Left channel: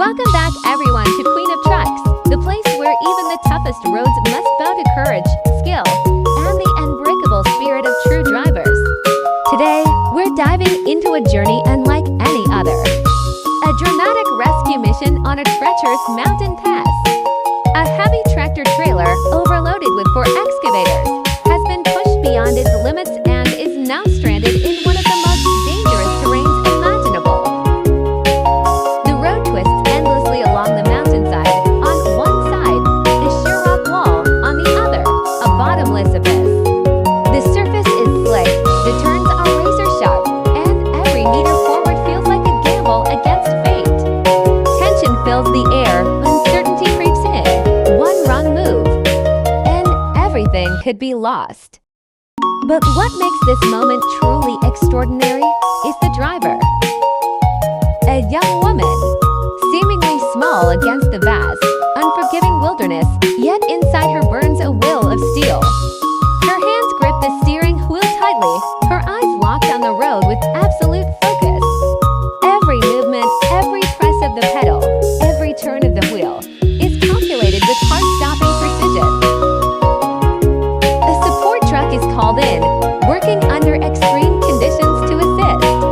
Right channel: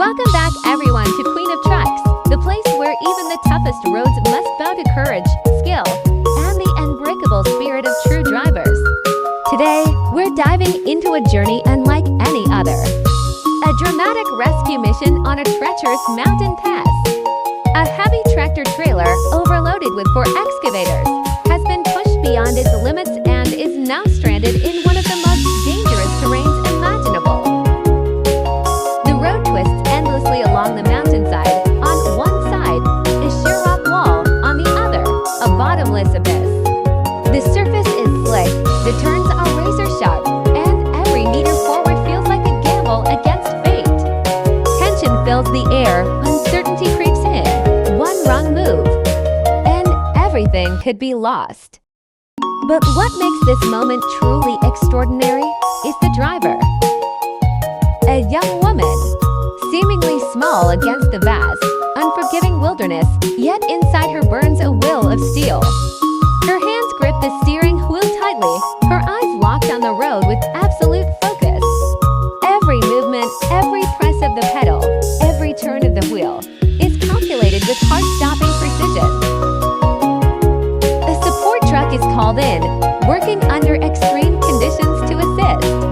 Welcome back everyone to Queen of Trucks, the place where even the toughest roads must bow to courage, skill, and the unbreakable spirit of true drivers. Today, we're diving into a journey unlike any other. A dramatic rescue mission on a treacherous mountain pass. A heavy tractor trailer, overloaded with 4 excavators, has been pushed beyond its limits and is now stranded in one of the most dangerous terrains imaginable. The road twists endlessly along the mountainside. On one side, a sheer rock wall, on the other, a bottomless abyss. The surface is slick, the turns are razor sharp, and every meter forward feels like a gamble against fate. Tension fills the air, uncertainty creeps in. One wrong move, and everything could be lost. But what makes this moment truly extraordinary is the driver. A young woman, seemingly small against the vast, unforgiving wilderness, yet inside her burns a will of steel. Her hands grip the steering wheel tightly, her eyes locked on the road with absolute focus. Every movement, every press of the pedal, every turn of the wheel is calculated with heart-stopping precision. A support truck is called in, working under extreme conditions to assist.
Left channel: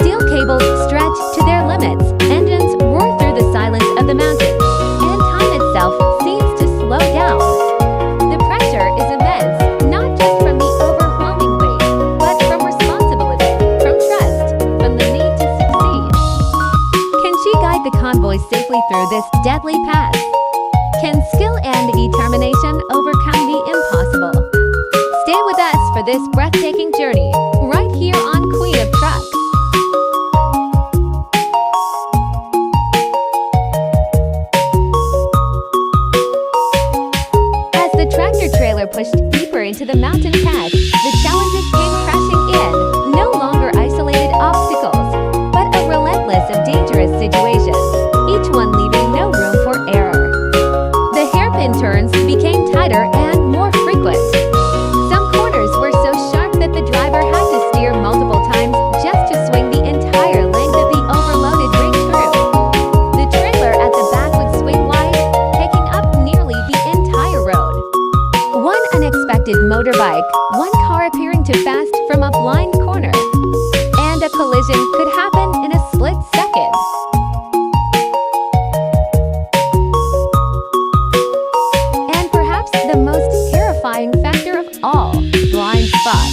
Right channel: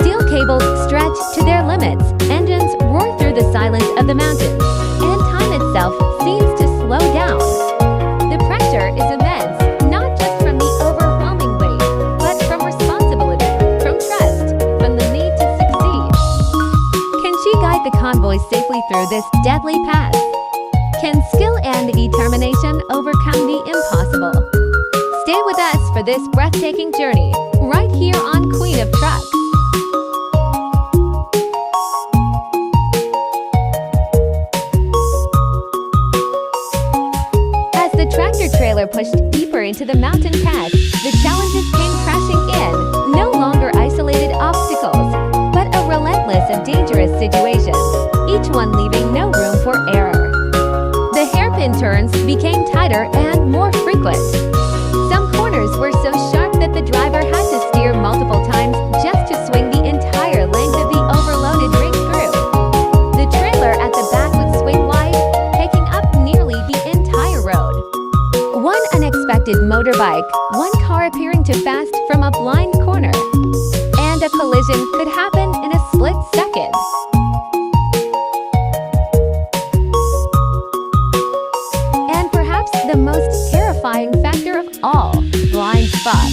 Steel cables stretch to their limits, engines roar through the silence of the mountains, and time itself seems to slow down. The pressure is immense, not just from the overwhelming weight, but from responsibility, from trust, from the need to succeed. Can she guide the convoy safely through this deadly pass? Can skill and determination overcome the impossible? Stay with us for this breathtaking journey, right here on Queen of Trucks. As the tractor trailer pushed deeper into the mountain pass, the challenges came crashing in, no longer isolated obstacles, but a relentless of dangerous situations, each one leaving no room for error. The hairpin turns became tighter and more frequent. Some corners were so sharp that the driver had to steer multiple times just to swing the entire length of the overloaded rig through. The trailer at the back would swing wide, taking up nearly the entire road. One unexpected motorbike, one car appearing too fast from a blind corner, and a collision could happen in a split second. And perhaps the most terrifying factor of all, blind spots.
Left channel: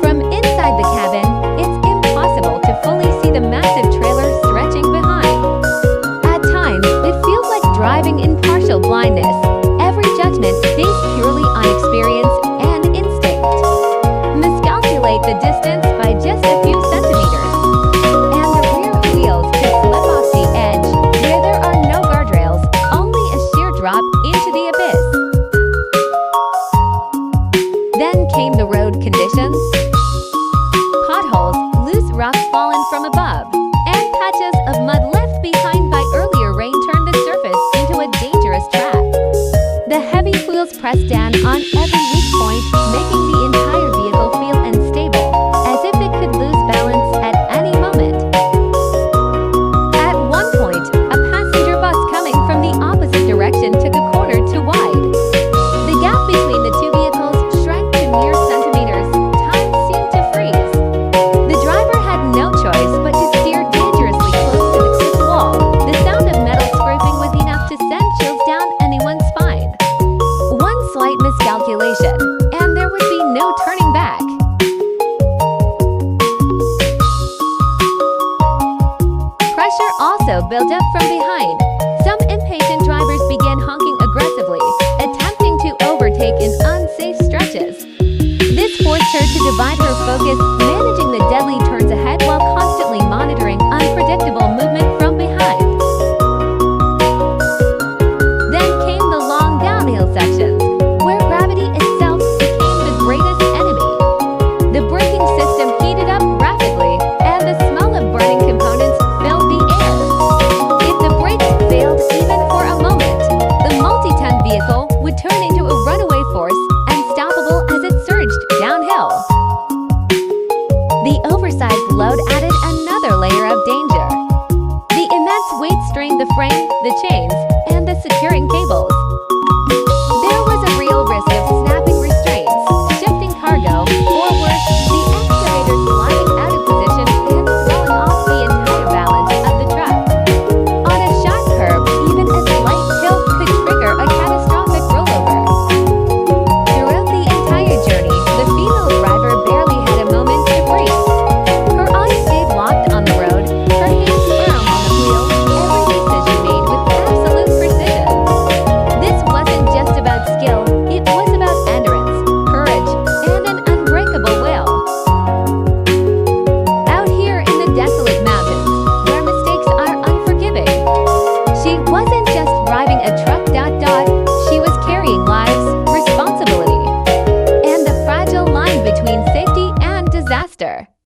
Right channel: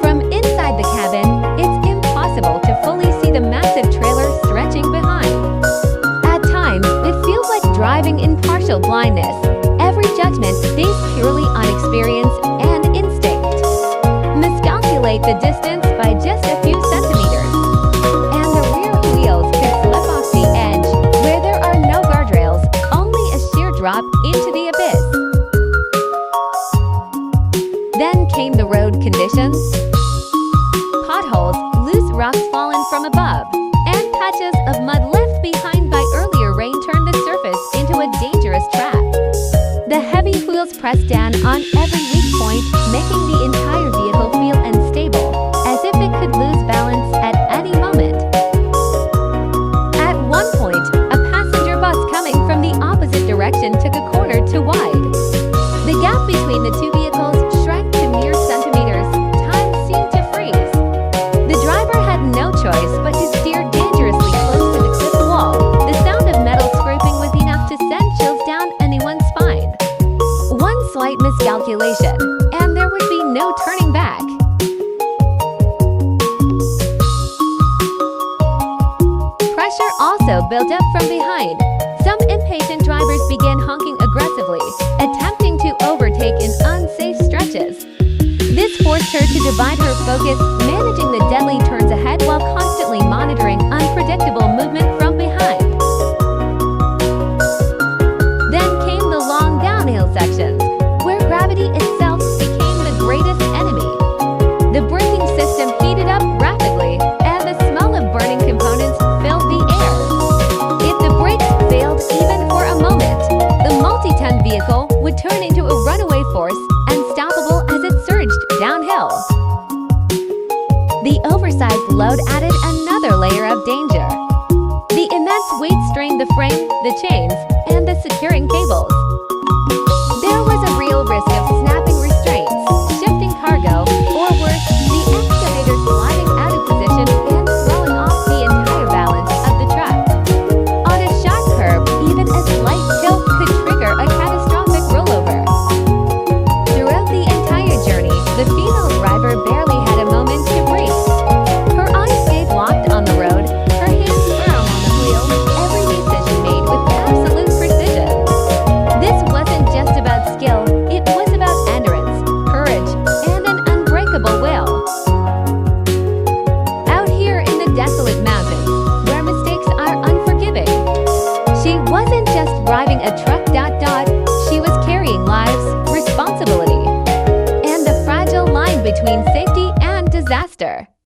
From inside the cabin, it's impossible to fully see the massive trailer stretching behind. At times, it feels like driving in partial blindness, every judgment based purely on experience and instinct. Miscalculate the distance by just a few centimeters, and the rear wheels could slip off the edge, where there are no guardrails, only a sheer drop into the abyss. Then came the road conditions. Potholes, loose rocks fallen from above, and patches of mud left behind by earlier rain turned the surface into a dangerous trap. The heavy wheels pressed down on every weak point, making the entire vehicle feel unstable, as if it could lose balance at any moment. At one point, a passenger bus coming from the opposite direction took a corner too wide. The gap between the two vehicles shrank to mere centimeters. Time seemed to freeze. The driver had no choice but to steer dangerously close to the cliff wall. The sound of metal scraping was enough to send chills down anyone's spine. One slight miscalculation, and there would be no turning back. Pressure also built up from behind. Some impatient drivers began honking aggressively, attempting to overtake in unsafe stretches. This forced her to divide her focus, managing the deadly turns ahead while constantly monitoring unpredictable movement from behind. Then came the long downhill sections, where gravity itself became the greatest enemy. The braking system heated up rapidly, and the smell of burning components filled the air. If the brakes failed even for a moment, the multi-ton vehicle would turn into a runaway force, unstoppable as it surged downhill. The oversized load added another layer of danger. weight strained the frame, the chains, and the securing cables. There was a real risk of snapping restraints, shifting cargo, or worse, the excavator sliding out of position and throwing off the entire balance of the truck. On a sharp curve, even a slight tilt could trigger a catastrophic rollover. Throughout the entire journey, the female driver barely had a moment to breathe. Her eyes stayed locked on the road, her hands firm on the wheel, every decision made with absolute precision. This wasn't just about skill, it was about endurance, courage, and an unbreakable will. Out here in the desolate mountains, where mistakes are unforgiving, she wasn't just driving a truck. She was carrying lives, responsibility, and the fragile line between safety and disaster.